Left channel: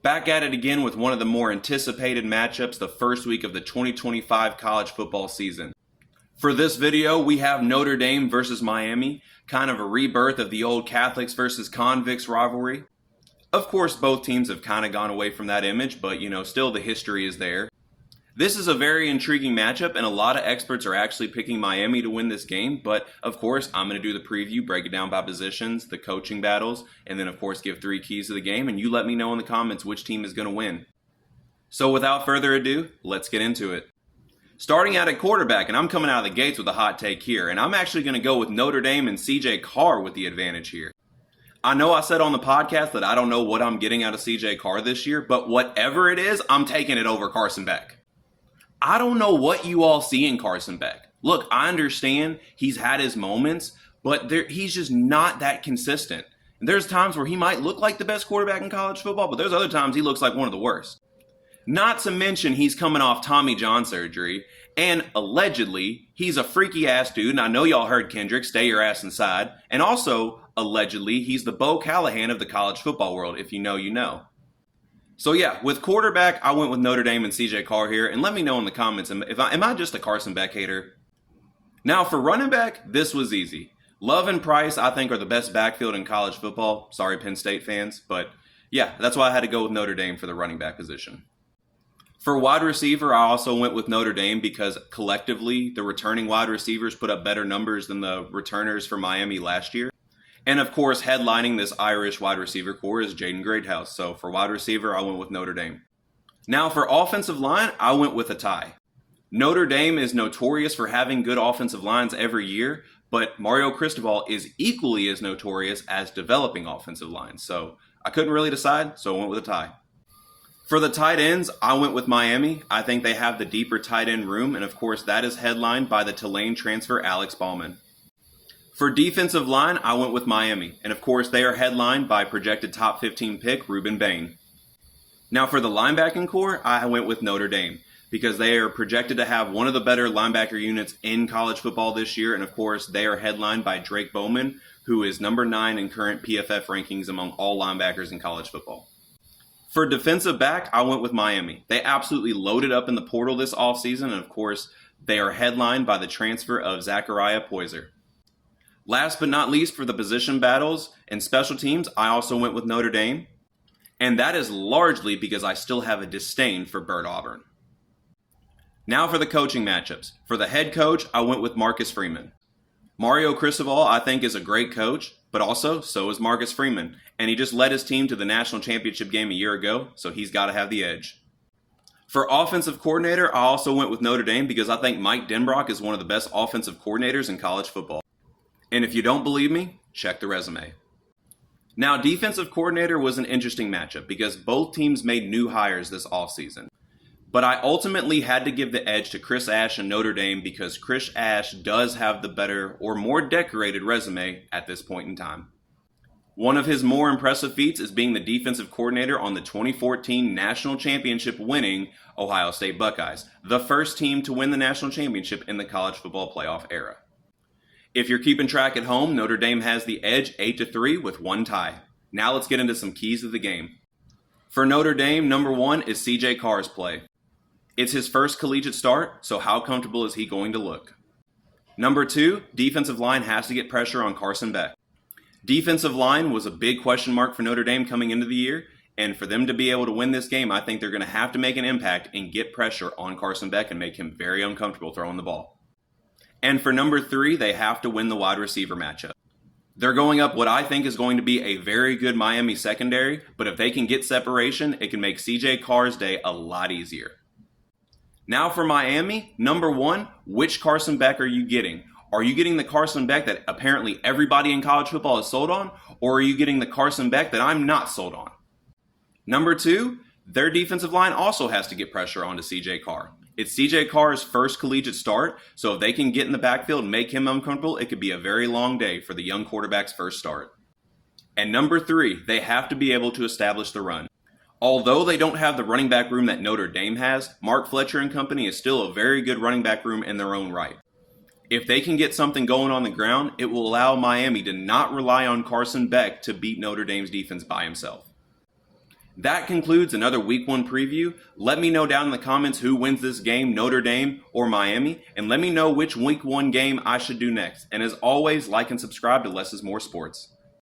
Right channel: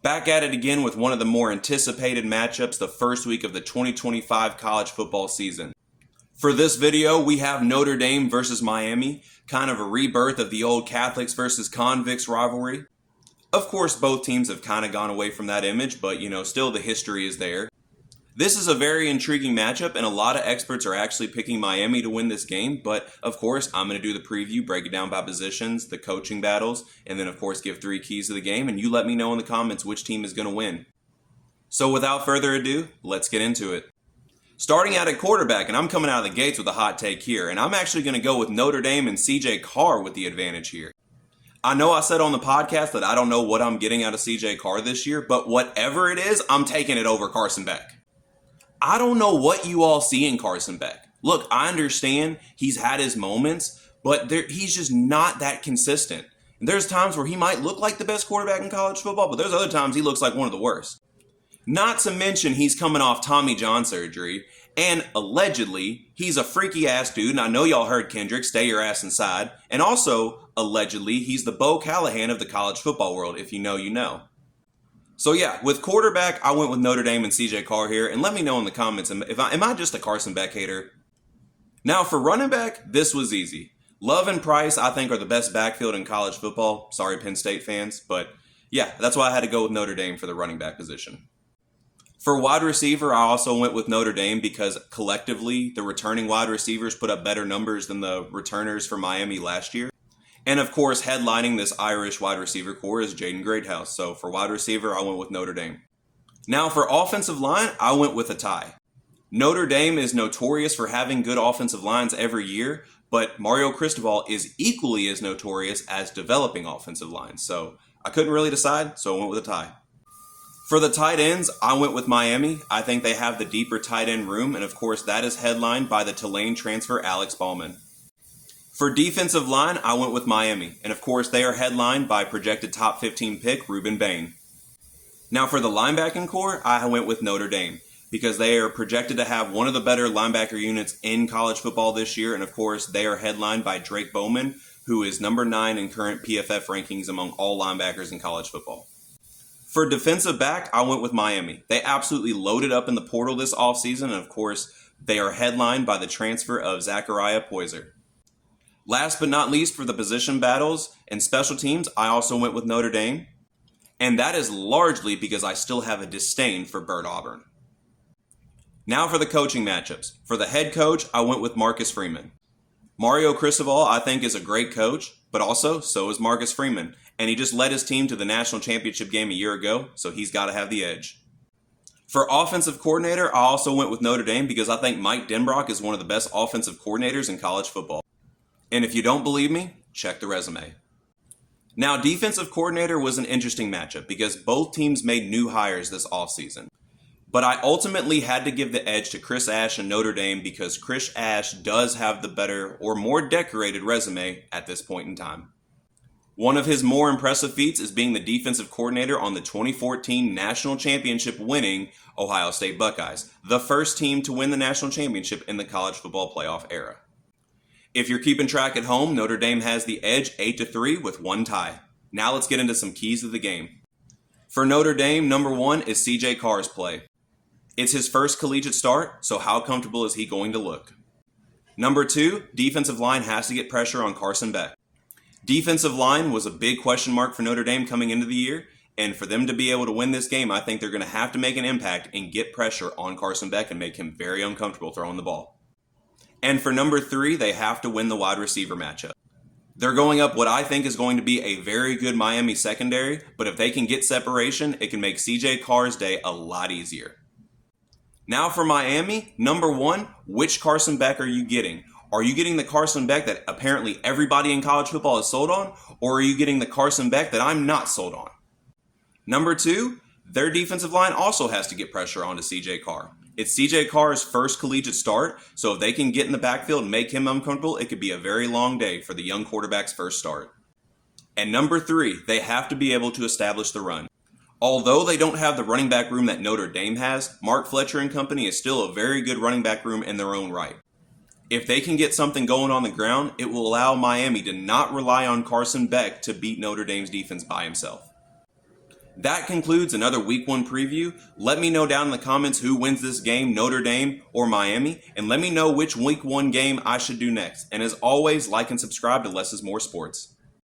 Back at it again with one of the more anticipated matchups the first week of the 2025 college football season. For this video, we have Notre Dame versus Miami, kind of a rebirth of the old Catholics versus convicts rivalry. Of course, both teams have kind of gone away from that image, but still the history is there. This is a very intriguing matchup, and a lot of experts are actually picking Miami to win this game, but of course, I'm going to do the preview, break it down by positions, the coaching battles, and then of course give 3 keys to the game, and you let me know in the comments which team is going to win. So without further ado, let's get into it. Starting out at quarterback, and I'm coming out of the gates with a hot take here, and I'm actually going to go with Notre Dame and CJ Carr with the advantage here. I know I said on the podcast that I don't know what I'm getting out of CJ Carr this year, but whatever it is, I'm taking it over Carson Beck. I don't know what you all see in Carson Beck. Look, I understand he's had his moments, but he's just not that consistent. And there's times where he might look like the best quarterback in college football, but there's other times he looks like one of the worst. Not to mention he's coming off Tommy John surgery, and allegedly he's a freaky ass dude, and I know y'all heard Kendrick, stay your ass inside, and also allegedly he's the Bo Callahan of the college football world. If you know, you know. So yeah, with quarterback, I went with Notre Dame and CJ Carr here, and let me know in the comments, am I just a Carson Beck hater? Now for running back, this was easy. Love and Price, I think, are the best backfield in college football. Sorry, Penn State fans, but yeah, that's why I had to go with Notre Dame for the running back position. For wide receiver, I also went with Notre Dame because collectively, the returning wide receivers put up better numbers than the returners for Miami last year. And of course, headlining this Irish wide receiver core is Jaden Greathouse. So for wide receiver, I went with Notre Dame. Now for offensive line, I went with a tie. Notre Dame is notorious for having good offensive lines every year, but Mario Cristobal is equally as notorious as developing offensive lines. So I couldn't really decide, so I went with a tie. For the tight ends, I went with Miami. I think they have the deeper tight end room, and of course that is headlined by the Tulane transfer Alex Ballman. For defensive line, I went with Miami, and of course they are headlined by projected top 15 pick Ruben Bain. Now for the linebacking core, I went with Notre Dame because they are projected to have one of the better linebacker units in college football this year, and of course they are headlined by Drake Bowman, who is number 9 in current PFF rankings among all linebackers in college football. For defensive back, I went with Miami. They absolutely loaded up in the portal this offseason, and of course they are headlined by the transfer of Zachariah Poyser. Last but not least, for the position battles and special teams, I also went with Notre Dame. And that is largely because I still have a disdain for Bert Auburn. Now for the coaching matchups. For the head coach, I went with Marcus Freeman. Mario Cristobal, I think, is a great coach, but also so is Marcus Freeman. And he just led his team to the national championship game a year ago, so he's got to have the edge. For offensive coordinator, I also went with Notre Dame because I think Mike Denbrock is one of the best offensive coordinators in college football. And if you don't believe me, check the resume. Now, defensive coordinator was an interesting matchup because both teams made new hires this offseason. But I ultimately had to give the edge to Chris Ash and Notre Dame because Chris Ash does have the better or more decorated resume at this point in time. One of his more impressive feats is being the defensive coordinator on the 2014 national championship winning Ohio State Buckeyes, the first team to win the national championship in the college football playoff era. If you're keeping track at home, Notre Dame has the edge 8-3 with 1 tie. Now let's get into some keys of the game. For Notre Dame, number 1 is CJ Carr's play. It's his first collegiate start, so how comfortable is he going to look? Number 2, defensive line has to get pressure on Carson Beck. Defensive line was a big question mark for Notre Dame coming into the year, and for them to be able to win this game, I think they're going to have to make an impact and get pressure on Carson Beck and make him very uncomfortable throwing the ball. And for number 3, they have to win the wide receiver matchup. They're going up what I think is going to be a very good Miami secondary, but if they can get separation, it can make CJ Carr's day a lot easier. Now for Miami, number 1, which Carson Beck are you getting? Are you getting the Carson Beck that apparently everybody in college football is sold on, or are you getting the Carson Beck that I'm not sold on? Number 2, their defensive line also has to get pressure onto CJ Carr. It's CJ Carr's first collegiate start, so if they can get in the backfield and make him uncomfortable, it could be a very long day for the young quarterback's first start. And number 3, they have to be able to establish the run. Although they don't have the running back room that Notre Dame has, Mark Fletcher and company is still a very good running back room in their own right. If they can get something going on the ground, it will allow Miami to not rely on Carson Beck to beat Notre Dame's defense by himself. That concludes another Week 1 preview. Let me know down in the comments who wins this game, Notre Dame or Miami, and let me know which Week 1 game I should do next. And as always, like and subscribe to Less is More Sports.